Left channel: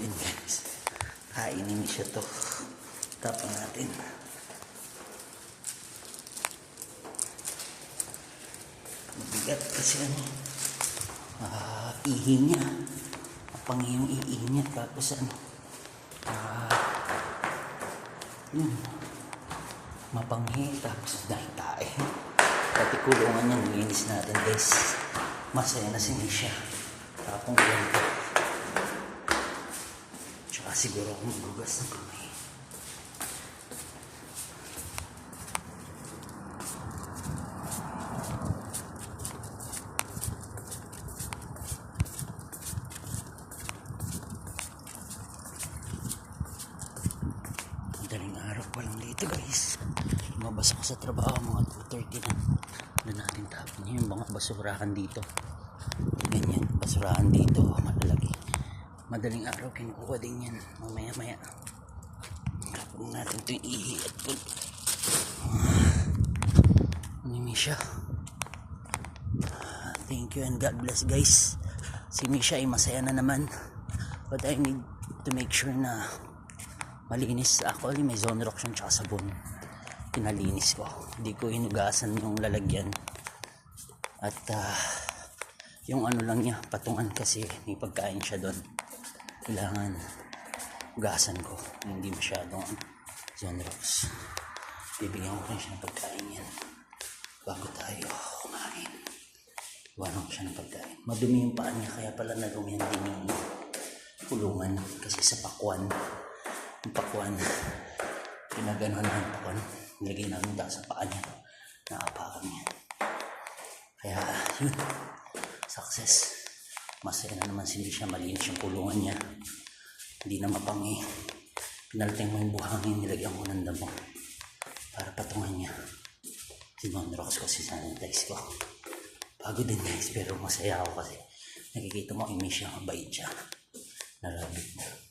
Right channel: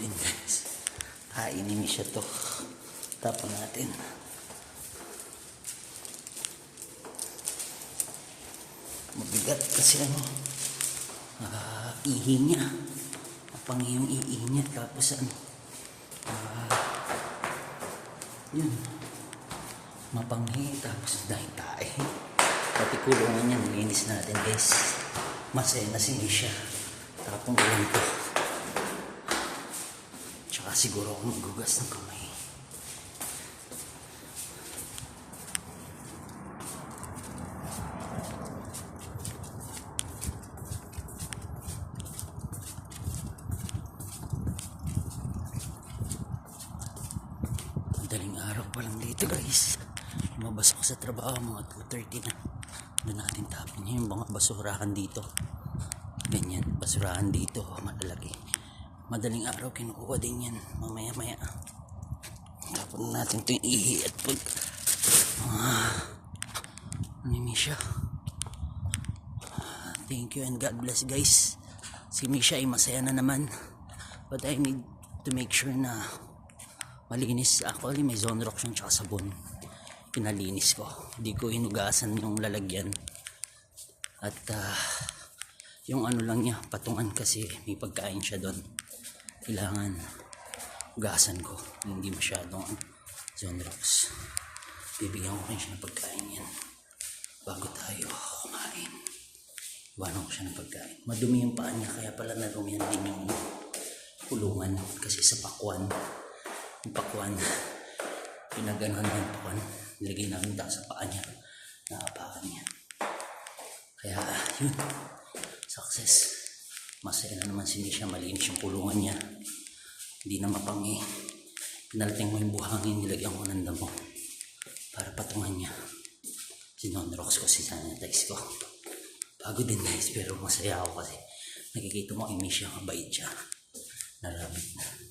din guys. Kainin siya to. Tapon natin. Mabigat kasi ano. Ihi niya. Apang yung ihi niya. Tapos ano. Yun. Mapanghi. Tapos dahil tayo. Pati kulungan niya. Nilinis natin guys. Masaya na si Misha. Tapong ulan ko. Tsaka siguro akong magugas ng kamay. Madaling araw pa lang dito guys. Lumabas ako sa trabaho mga 2:30 na. Doon natin tapin yung mga basurahan dito. Ganyan, basurahan dito malalaki. Madaling araw kinukuha din yan. Mamaya maya tapon natin ito yung ihi at pag Misha. Thank you and God bless guys. Si Misha ay masaya na naman, but I need to make sure na malinis. Actually may Zonrox at saka sabon. Pinalinis ko, hindi ko hinugasan yung lalagyan. At yung ano lang niya, patungan kasi may pagkain siya doon. Kailangan hugasan ko. Hindi masyadong Zonrox. Bibigyan ko siya ng pagkain yan bago tayo kumain. Iwanan ko siya ng pagkain. Madumi yung paa niya, kaya pala nadumihan din yung kulungan kasi sa pakwan. Yung pakwan, pinaganohan na yung pakwan. Nilagay namin dahil sa paa niya. Nakapakan niya. Kaya, yun. Success. Masaya na naman si Misha. Malinis yung kulungan niya. Hindi na mapangi. Pinalteng mo yung buhangin. Nilagyan ko ng damo. Para patungan niya. Sinonrox ko, sinanitize ko. Pagod din guys. Pero masaya ako kasi nakikita mo, Misha, mabait siya. Narabit na.